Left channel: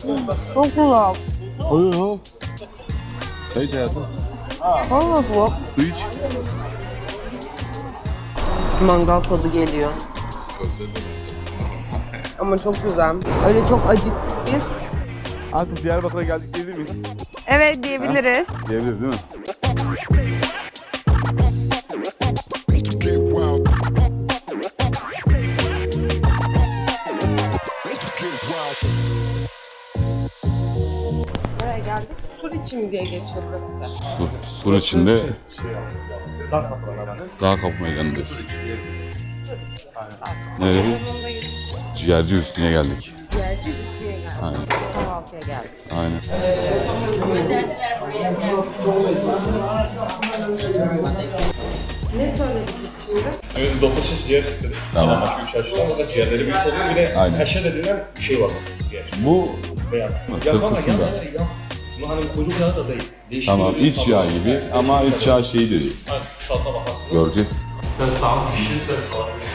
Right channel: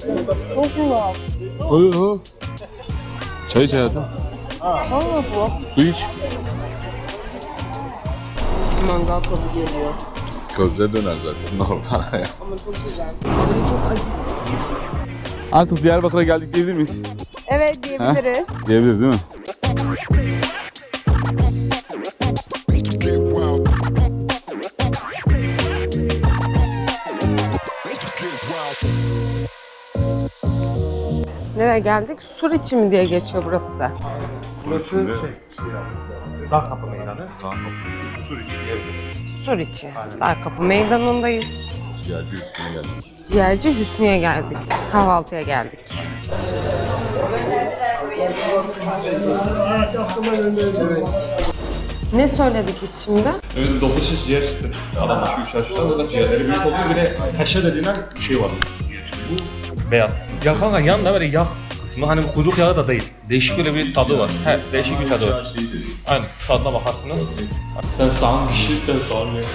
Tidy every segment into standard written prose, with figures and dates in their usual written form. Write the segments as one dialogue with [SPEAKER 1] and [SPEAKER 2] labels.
[SPEAKER 1] Çok güzel.
[SPEAKER 2] Oy. Çay iç hayatım.
[SPEAKER 1] Çok nasıl?
[SPEAKER 2] Su iç.
[SPEAKER 1] Mangal tadı geliyor.
[SPEAKER 2] Közde döner zaten. Normal.
[SPEAKER 1] Ama çok güzel. Öyle çok acıktık biz.
[SPEAKER 2] Artık Diyarbakır'a geldik diyebilir miyiz?
[SPEAKER 1] Evet diyebiliriz.
[SPEAKER 2] Diyebiliriz değil mi?
[SPEAKER 1] Nereye geldik? Suriçi mi diye geçiyor burası.
[SPEAKER 2] Sur içinde Dağ Kapı Meydanı'ndayız.
[SPEAKER 1] Suriçi. Daha kapı meydanındayız.
[SPEAKER 2] Ciğerci üstüne geldik.
[SPEAKER 1] Ciğerci Hüsnü'ye geldik. Kahvaltıya geldik.
[SPEAKER 2] Aynen.
[SPEAKER 1] Ne söyledik biz şimdi?
[SPEAKER 3] Evet, 9 şiş ciğer istedim.
[SPEAKER 2] Tamam.
[SPEAKER 3] Ama şu üç aşıdan da ciğerleri büyük oluyor. Bir de
[SPEAKER 2] Aynen.
[SPEAKER 3] kaşe dediğinden bir şey var. Ciğer.
[SPEAKER 2] Bu
[SPEAKER 3] Beyaz. Ya kanka yanında böyle yağ kısmı hani kuyruk yağı da değil. Değişik
[SPEAKER 2] tamam,
[SPEAKER 3] böyle bir
[SPEAKER 2] iç
[SPEAKER 3] tadı
[SPEAKER 2] yağı
[SPEAKER 3] var.
[SPEAKER 2] gibi.
[SPEAKER 3] Değişik
[SPEAKER 2] Ama
[SPEAKER 3] bir
[SPEAKER 2] iç
[SPEAKER 3] tadı var.
[SPEAKER 2] yağı şeyi de değil.
[SPEAKER 3] Aynen tadına bakarsınız.
[SPEAKER 2] Göreceğiz.
[SPEAKER 3] Sen sağın pişir, sen soğan ye.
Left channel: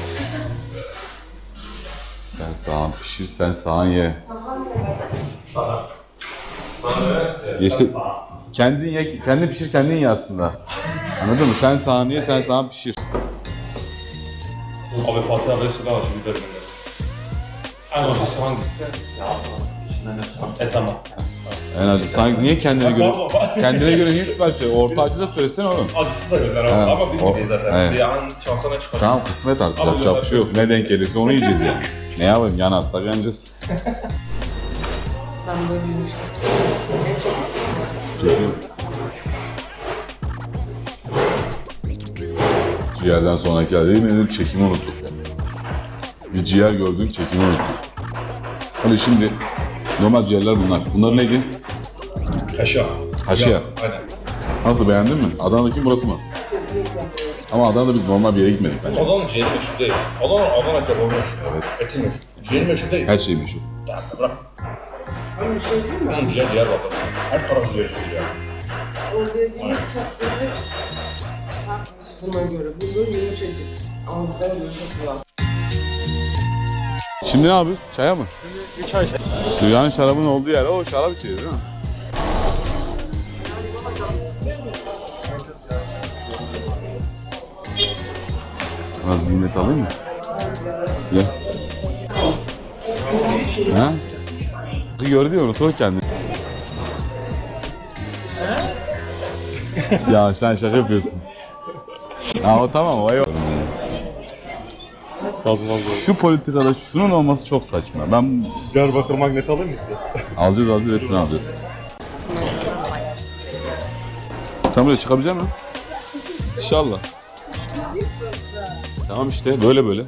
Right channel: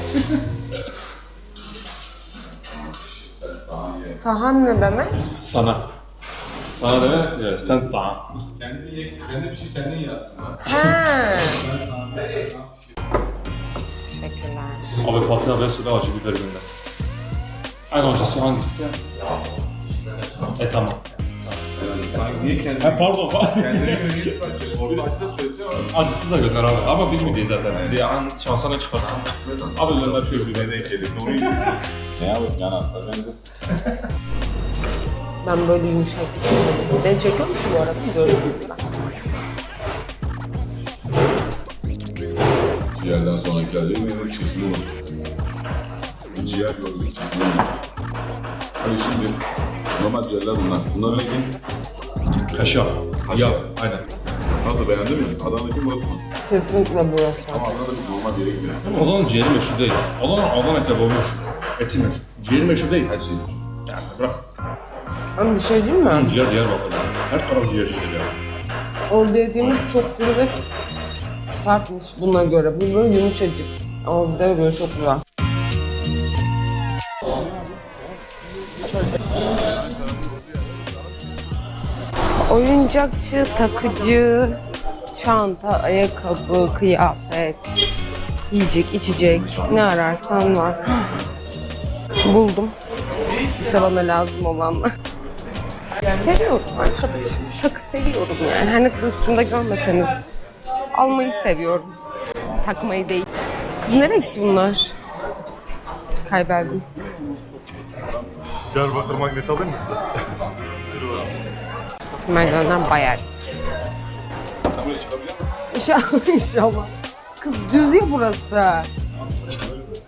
[SPEAKER 2] Sen sağan pişir, sen sağan ye.
[SPEAKER 1] Sahan ne demek?
[SPEAKER 3] Sana. Sana ne? Evet, sen
[SPEAKER 2] Yesi-
[SPEAKER 3] sağın.
[SPEAKER 2] Kendin ye, kendin pişir, kendin ye aslında.
[SPEAKER 1] Ha.
[SPEAKER 2] Anladın mı? Sen sağan ye, sen sağan pişir.
[SPEAKER 1] Teşekkürler.
[SPEAKER 3] Abi Fatih abi söyle acı biber gönder. En acısı hangisi? Tamam.
[SPEAKER 2] En acı sanki niye kendine göre,
[SPEAKER 3] pardon.
[SPEAKER 2] kendine göre niye sipariş veriyor? Orta acı da söylesene oğlum.
[SPEAKER 3] Acısı da gönder abi.
[SPEAKER 2] Evet.
[SPEAKER 3] Ama bilmediği zaten.
[SPEAKER 2] Evet.
[SPEAKER 3] Bir an şansına çıkar.
[SPEAKER 2] Tamam kısmet artık.
[SPEAKER 3] Ama
[SPEAKER 2] Yapacak bir
[SPEAKER 3] gönder.
[SPEAKER 2] şey yok. Ne denk gelirse onu yiyeceğiz ya. Ne yapalım? Yanarsak yanacağız.
[SPEAKER 1] Ben böyle yumuşak. Ben çekiyor musun bu arada? Böyle
[SPEAKER 2] Ciğerden sonraki halde benim çekimi oldu. Bir ciğer gördük, çekimi oldu. Hani şimdi normal ciğerler bunlar. Bunlar neydi?
[SPEAKER 3] Kaşa.
[SPEAKER 2] Kaşa.
[SPEAKER 3] Aynen.
[SPEAKER 2] Nasıl beğendin mi? Adana'daki burası mı?
[SPEAKER 1] kesinlikle bu.
[SPEAKER 2] Ama Adana'da biz normal bir yere gitmedik bence.
[SPEAKER 3] Adana'nın ciğeri meşhur değil. Adana kebabı meşhur. Evet. Eti meşhur. Ciğeri meşhur değil.
[SPEAKER 2] Her şey meşhur.
[SPEAKER 3] Yani bırak.
[SPEAKER 1] Ama bir şey değil mi?
[SPEAKER 3] Ciğer Diyarbakır'da. Her taraf ciğer işte ya.
[SPEAKER 1] O dediğimiz çok kuru ve sertmiş buna göre. Bu böyle yumuşacık. Ağızda eriyor çok güzel.
[SPEAKER 2] Şimdi ne yapıyoruz? Çaya mı?
[SPEAKER 3] Çay.
[SPEAKER 2] Dünyanın şarabın olduğu yer o şarap içiyor değil mi?
[SPEAKER 1] Oyuncakçı, takıcı, çanta, ayakkabı, kıyafet, yiyecek, içecek, ne ararsan var. Buldum. Sana da lazım olanlar.
[SPEAKER 2] Gördü ya unutur kendini.
[SPEAKER 1] Seviyorum arkadaş. Takı seviyorum yani. Hani üstünde görmeseniz.
[SPEAKER 2] Ya sen şaka yapıyorsun.
[SPEAKER 1] Almayı seviyorum.
[SPEAKER 2] Ama
[SPEAKER 1] Takmayı
[SPEAKER 2] tamam o
[SPEAKER 1] değil.
[SPEAKER 2] yok.
[SPEAKER 1] Kız nereye gitti bunlar?
[SPEAKER 2] Şu politikada
[SPEAKER 1] Kayberdim.
[SPEAKER 2] şunun olması çok saçma. Ben
[SPEAKER 3] Diyarbakır magnet alayım mı size?
[SPEAKER 2] alacağız hepsini alacağız.
[SPEAKER 1] Merdiven'den bayağı.
[SPEAKER 2] Sen buraya çıkabilecek misin?
[SPEAKER 1] İnşallah.
[SPEAKER 2] İnşallah.
[SPEAKER 1] Kız düz ya burası.
[SPEAKER 2] Tamam işte böyle böyle.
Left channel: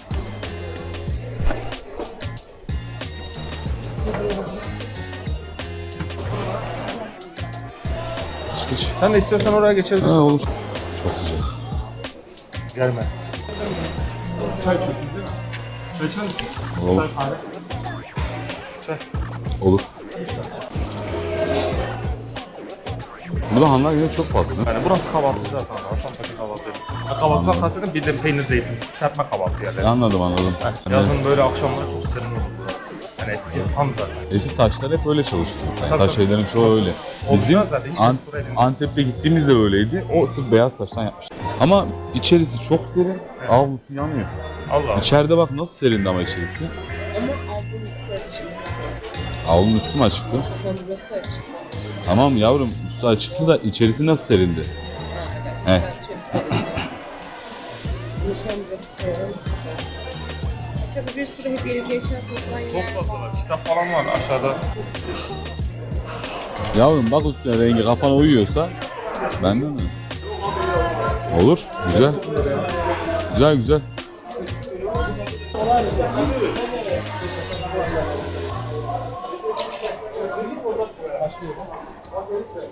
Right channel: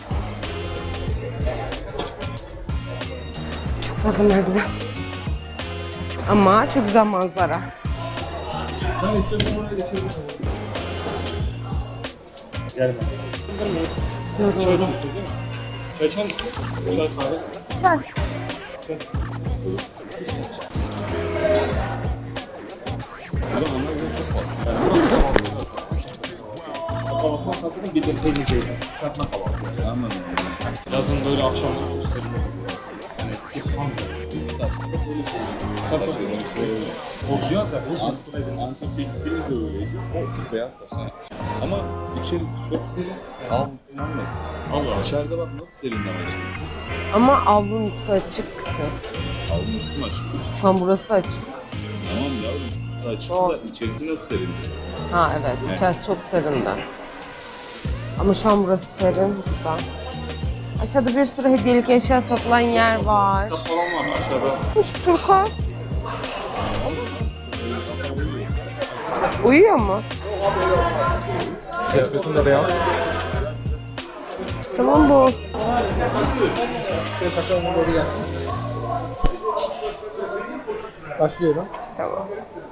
[SPEAKER 1] Fazla merdiven. Ama çok güzel manzara.
[SPEAKER 3] Sen de istiyorsan oraya geçebilirsin.
[SPEAKER 2] Ha olur. Çok sıcak.
[SPEAKER 3] Gelme. Çay içiyorsun değil mi? Çay içer misin?
[SPEAKER 2] Olur.
[SPEAKER 3] Çay kahve.
[SPEAKER 1] Çay.
[SPEAKER 2] Olur. Burada hanlar yine çok fazla değil mi?
[SPEAKER 3] Burası kahvaltı zaten. Hasanpaşa kahvaltı. Kahvaltıdan kastederim bir de peynir zeytin. Serpme kahvaltı yani.
[SPEAKER 2] Anladım.
[SPEAKER 3] Yazın böyle akşamlar çok serin olur. Yani eski Hamza.
[SPEAKER 2] Eski taşlar hep öyle çalıştı. Taş şeylerin çoğu öyle. Bizim
[SPEAKER 3] Olmaz zaten, hiç restore edilmez.
[SPEAKER 2] Antep'te gittiğimizde öyleydi. O sırf beyaz taştan yapmışlar. Ama içerisi çok serin. Avlusu yanmıyor.
[SPEAKER 3] Allah.
[SPEAKER 2] İçeride bak nasıl serindi ama içerisi.
[SPEAKER 1] Ama avlunun üstü açıktı.
[SPEAKER 2] Avlunun üstü mü açıktı?
[SPEAKER 1] Şu an burası da açık.
[SPEAKER 2] Tamam yavrum üstü açıktı da içerisi nasıl serindi?
[SPEAKER 1] Ha evet,
[SPEAKER 2] He.
[SPEAKER 1] içerisi çok serindi. Ama şu an burası serin, güzel. Aşağıda bir sürü hediyelik eşya satılan yer var.
[SPEAKER 3] Kitap falan var aşağıda.
[SPEAKER 1] Şu turkuaz
[SPEAKER 2] Yavrum bak üstüne rengi kafana uyuyorsa
[SPEAKER 1] uyuyor mu?
[SPEAKER 2] olur. Güzel.
[SPEAKER 3] Üstünde beyaz.
[SPEAKER 2] Güzel güzel.
[SPEAKER 1] Tamam bu olsun.
[SPEAKER 4] Başlıyorum.
[SPEAKER 1] Tamam.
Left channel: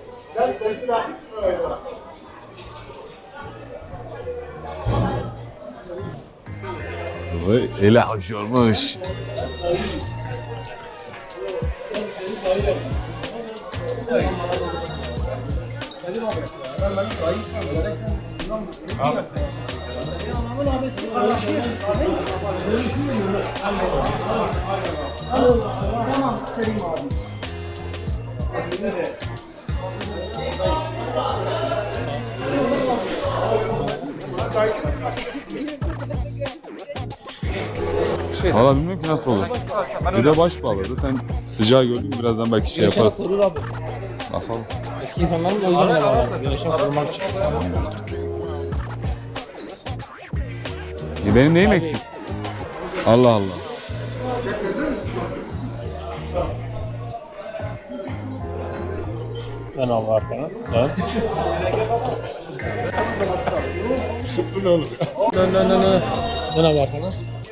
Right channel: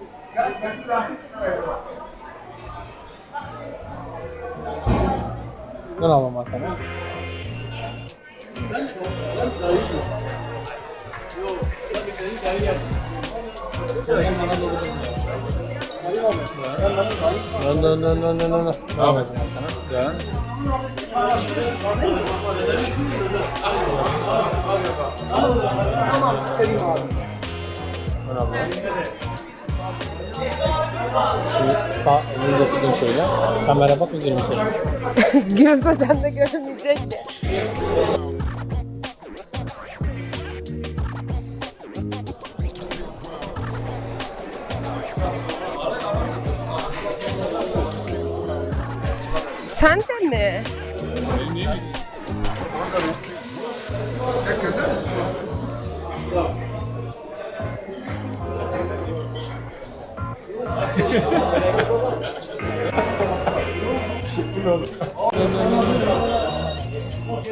[SPEAKER 4] Ben alalım arkadaşlar.
[SPEAKER 2] Vay, ele hoş olmuş.
[SPEAKER 3] Devam et.
[SPEAKER 4] Sağ elinize tutun şöyle. Kamera bak bir gülümseyin.
[SPEAKER 1] Gülümse sen de görünmeyecek.
[SPEAKER 2] Valla bilmiyorum ki nasıl olur. Bir de baş bağlı. Zaten sıcağı gördük. Birazdan belki şey yaparız. Bakalım.
[SPEAKER 4] Eski insanların da uygun olanlar. Güneşe korumak için.
[SPEAKER 1] Sen de mi?
[SPEAKER 2] Benim neyim eksik? Allah Allah.
[SPEAKER 4] Sen al arkana. Evet.
[SPEAKER 3] Bu ne oğlum?
[SPEAKER 4] Sen al arkana.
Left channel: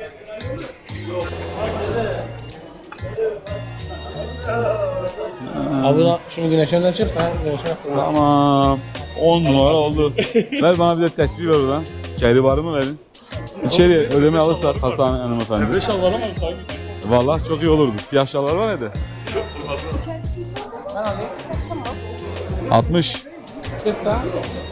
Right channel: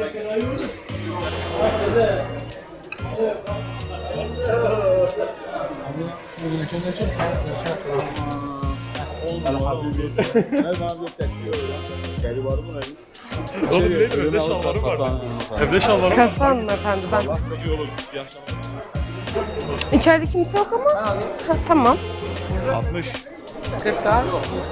[SPEAKER 4] Abla şunu güneşten açıp sen güneşe.
[SPEAKER 2] Tamam. 10 numara oldu. Ver bana bir de tespih ver oradan. Keri var mı verin? İçeri ödeme alırsak Hasan hanımefendi.
[SPEAKER 1] Kasa hanımefendi.
[SPEAKER 2] Vallahi çok iyi olurdu. Siyah şalvar var mıydı?
[SPEAKER 1] İçeride kimse yok ama.
[SPEAKER 4] Ben alayım.
[SPEAKER 1] Ha, tamam.
[SPEAKER 2] 60.
[SPEAKER 4] 40 daha.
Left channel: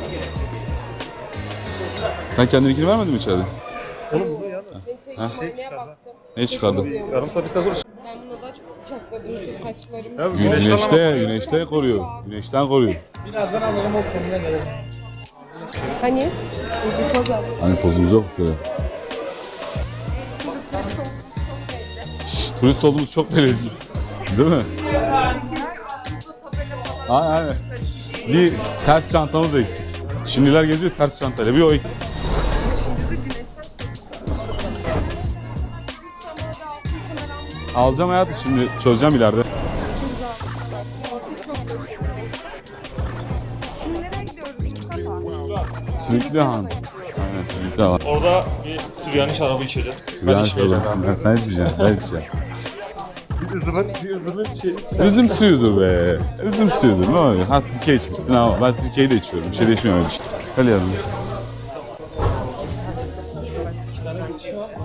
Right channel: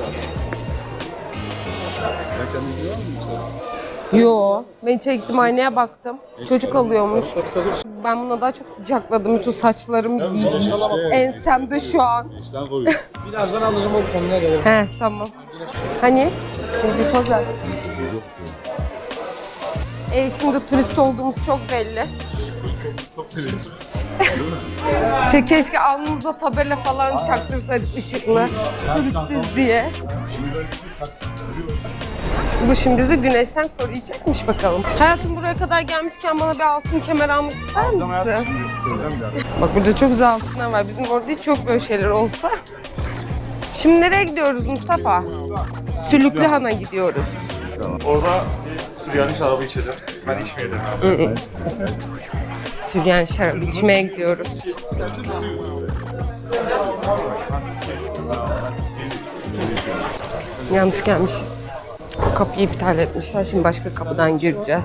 [SPEAKER 2] Sen kendininkini vermedin mi içeride?
[SPEAKER 1] Yo. Ben çektim aynaya baktım.
[SPEAKER 2] Ne
[SPEAKER 1] Çocuk
[SPEAKER 2] çıkardın?
[SPEAKER 1] alıyormuş. Ben buna daha çok sıcakladım. Bütün saçlarım
[SPEAKER 2] Güneşte,
[SPEAKER 1] Ensemde şu an.
[SPEAKER 2] Güneşten koruyor.
[SPEAKER 4] Birazdan alırım o konuna gelelim.
[SPEAKER 1] He tamam. Hani? Bir poz ver.
[SPEAKER 2] Hani pozumuz yok mu şöyle?
[SPEAKER 1] Şimdi turist olduğumuz çok belli.
[SPEAKER 2] Turist olduğumuz çok belli. Değil mi?
[SPEAKER 1] Keşke alnımıza tabela falan
[SPEAKER 2] Aa,
[SPEAKER 1] çaktırsak ışıkla.
[SPEAKER 2] Bir ters çantamız değil.
[SPEAKER 1] diye.
[SPEAKER 2] Şimdiler geziyor ters çantayla. Bir o iki.
[SPEAKER 1] Bu şimdi bizi güneşten koruyacakmış bakalım. Hayatım buraya kadar gelmişken bana bir altın kemer almak ister misin?
[SPEAKER 2] Alacağım hayatım şimdi çözeceğim ileride.
[SPEAKER 1] Bak burada çok güzel altınlar var. Bizim orada hiç yok böyle şeyler olsa. Şimdi nereye gidiyoruz Mustafa? Sülüklühan'a gidiyoruz.
[SPEAKER 2] Tamam.
[SPEAKER 3] Orada bir Süryani şarabı içeceğim.
[SPEAKER 2] Ben içmeyeceğim. Sen içmeyeceksin. Ben içeceğim.
[SPEAKER 1] Süryan şarap içmeye gidiyoruz.
[SPEAKER 2] Üzüm suyudur be. Üzüm suyudur. Ne öyle? Ha sirke içmişsin. Ha, ben sirkeyi de içiyorum. Bir şey de içmiyorum işte. Öyle yani.
[SPEAKER 1] Yanlış gelmişiz. O kapıyı iptal etmişler. Şimdi başka kapıdan gireceğiz.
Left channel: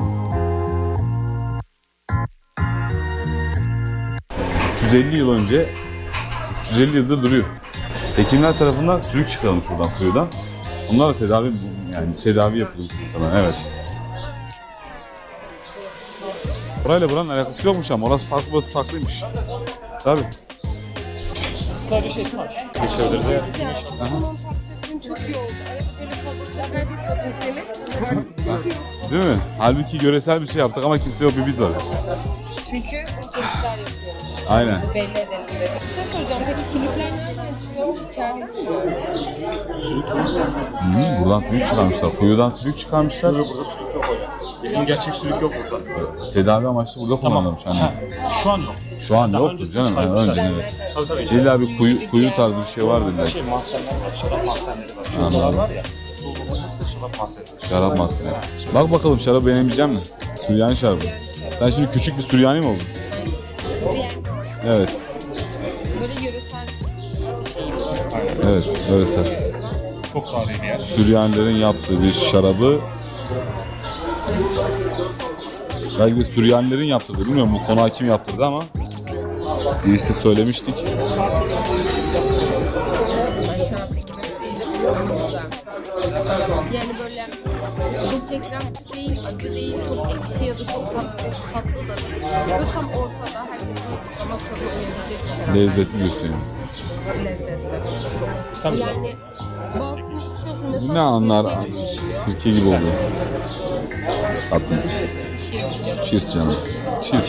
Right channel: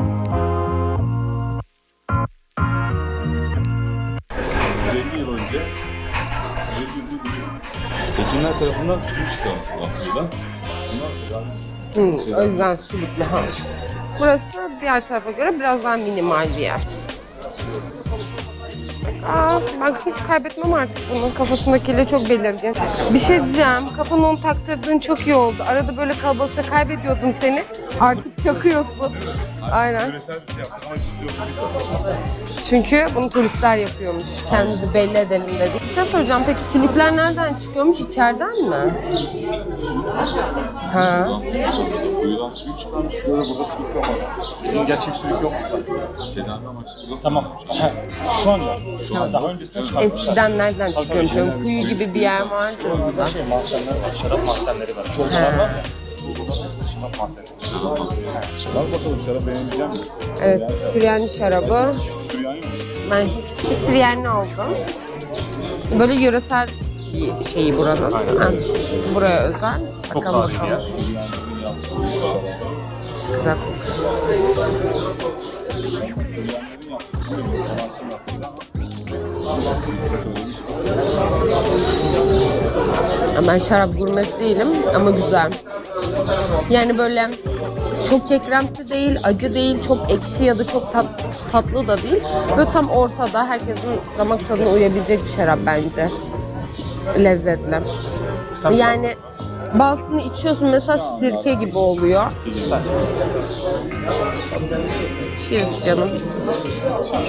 [SPEAKER 2] 150 yıl önce 150 yılda duruyor. Hekimler tarafından sülük çıkarılmış buradan kuyudan. Bunlar da tedavi
[SPEAKER 1] o
[SPEAKER 2] tedavi
[SPEAKER 1] yüzden
[SPEAKER 2] yapıyor.
[SPEAKER 1] Sülüklühan.
[SPEAKER 2] Evet.
[SPEAKER 1] Burası diğer tarafa göre biraz daha minimal bir yer.
[SPEAKER 2] Burayla buranın alakası yokmuş ama orası farklı, burası farklıymış.
[SPEAKER 1] Ben hiç
[SPEAKER 2] Tabii.
[SPEAKER 1] kaybetmem artık bunu. Kafasındakiyle çok belirgin. Bir şey diyeceğim. Kafana onu taktırdığın çok iyi oldu. Arada böyle kalabalıkta kaybediyordum seni. Artık çakıyorsun.
[SPEAKER 2] Değil mi? Halbuki
[SPEAKER 1] Aynen.
[SPEAKER 2] göresel bir şey yaptık ama kimse yok, bir biz varız.
[SPEAKER 1] Çünkü bunu turistler yapıyormuş.
[SPEAKER 2] Aynen.
[SPEAKER 1] Kendimizi belli edelim dedik. Bir şey soracağım. Peki sülükler nereden çıkıyormuş? İçeriden mi?
[SPEAKER 2] Buradan sülük çıkarmışlar, kuyudan sülük çıkarmışlar.
[SPEAKER 3] Bizim gerçek sülük yok.
[SPEAKER 2] Tedavi amaçlı burada kullanılmış. Yani.
[SPEAKER 3] Şu an yok.
[SPEAKER 2] Şu an yok
[SPEAKER 3] öncesinde
[SPEAKER 2] canım.
[SPEAKER 3] çıkarmışlar.
[SPEAKER 1] Eskiden nereden çıkıyormuş?
[SPEAKER 2] İlla bir
[SPEAKER 1] Kuyu gibi bir
[SPEAKER 2] kuyu
[SPEAKER 1] yer
[SPEAKER 2] tarzı
[SPEAKER 1] var.
[SPEAKER 2] bir şey vardı.
[SPEAKER 4] Şey mahzenler var. Şarap mahzenleri var.
[SPEAKER 2] Şarap maske. Bak bakalım şarap beğenebilecek misin? Süryani şarabı.
[SPEAKER 1] Süryani
[SPEAKER 2] Sen
[SPEAKER 1] şarabı.
[SPEAKER 2] şimdi küçük bir Süryani mi oldun?
[SPEAKER 1] Ben şimdi küçük bir Süryani oldum.
[SPEAKER 2] Evet.
[SPEAKER 1] Böyle yöresel bir şeyi buranın.
[SPEAKER 2] Evet. Öyle
[SPEAKER 1] Buraya özel.
[SPEAKER 3] Çok
[SPEAKER 1] Bakalım
[SPEAKER 3] tarihi bir yer.
[SPEAKER 2] Süryanilerin yaptığı bir şarabı.
[SPEAKER 1] Güzel.
[SPEAKER 2] Belki de Süryanilerin yaptırdı. Bilmiyorum bu konağı kim yaptırdı ama birisi söylemiştik.
[SPEAKER 1] Ben şarap gurmesi değilim ama güzel. Yani böyle çok kekremsi değil, acı değil, çok ekşi ya da çok tatlı da değil. Böyle tam ortada herkesin damak tadına uyabilecek bir şarap
[SPEAKER 2] Lezzetli
[SPEAKER 1] bence.
[SPEAKER 2] diyorsun.
[SPEAKER 1] Lezzetli.
[SPEAKER 3] Sen
[SPEAKER 1] Yani bazısını içiyorsun mesela
[SPEAKER 2] Ne anlar?
[SPEAKER 1] sirke gibi oluyor.
[SPEAKER 2] Sirke gibi oluyor. Attım.
[SPEAKER 1] Cheers canım.
[SPEAKER 2] Cheers canım. Cheers.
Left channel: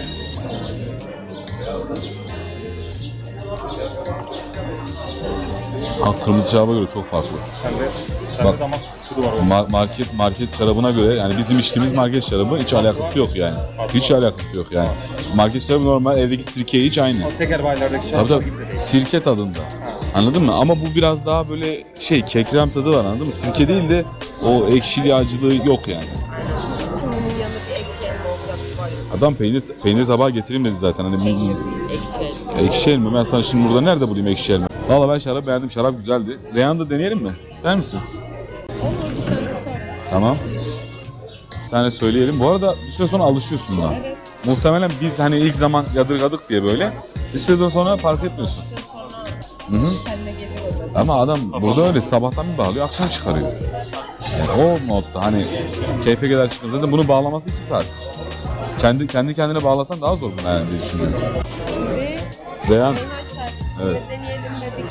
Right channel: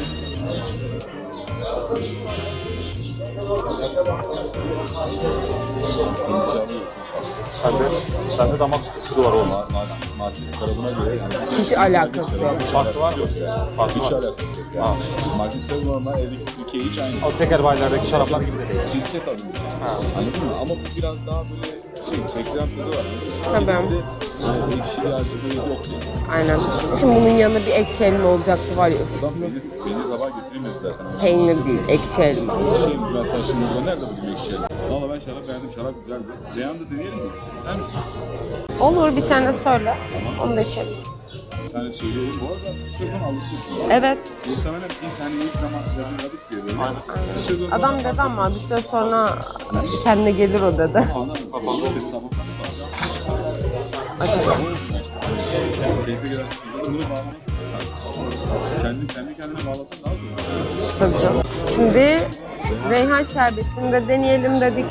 [SPEAKER 2] Kırmızı şaraba göre çok farklı.
[SPEAKER 3] Sende damak tadı var orada.
[SPEAKER 2] Market şarabına göre yani bizim içtiğimiz market
[SPEAKER 1] alakası
[SPEAKER 2] şarabı hiç alakası yok yani. Hiç alakası yok yani. Market şarabı normal evdeki sirkeye hiç aynı.
[SPEAKER 3] O teker baylardaki şaraplar
[SPEAKER 2] Tabii,
[SPEAKER 3] gibi de değil.
[SPEAKER 2] sirke tadında. Anladın mı? Ama bu biraz daha böyle kekrem tadı var anladın mı? Sirke değil de o ekşili acılığı yok yani.
[SPEAKER 1] Aynen. Şimdi bunun yanında bir ekşi elma olacaktı var ya.
[SPEAKER 2] Adam peynir tabağı getireyim dedi zaten. Hani
[SPEAKER 1] Peynir değil, ekşi elma.
[SPEAKER 2] Ekşi elma. Ben sana şimdi burada nerede bulayım ekşi elma? Valla ben şarap beğendim. Şarap güzeldi. Reyhan da deneyelim mi? İster misin?
[SPEAKER 1] Olur bir tane söyle.
[SPEAKER 2] Tamam.
[SPEAKER 1] Onu da içelim.
[SPEAKER 2] Bir tane söyleyelim. Bu arada bir süre sonra alışıyorsun buna.
[SPEAKER 1] Evet.
[SPEAKER 2] Muhtemelen biz hani ilk zaman yadırgadık diye böyle. Bir süre sonra
[SPEAKER 1] Adam
[SPEAKER 2] fark
[SPEAKER 1] dedi ama
[SPEAKER 2] etmiyorsun.
[SPEAKER 1] bir süre sonra kendine gelir o dedi.
[SPEAKER 2] Ama adam burada öyle sabahtan bir bağlıyor, akşam çıkarıyor. O modda hani keyfe kadar çıkıyor. Zaten bunu bağlaması 2 saat. Kendi kendine bağlasan daha zor. Yani
[SPEAKER 1] Tabii canım. Şimdi
[SPEAKER 2] Veya
[SPEAKER 1] reyhan şerbetini de deneyelim dedik.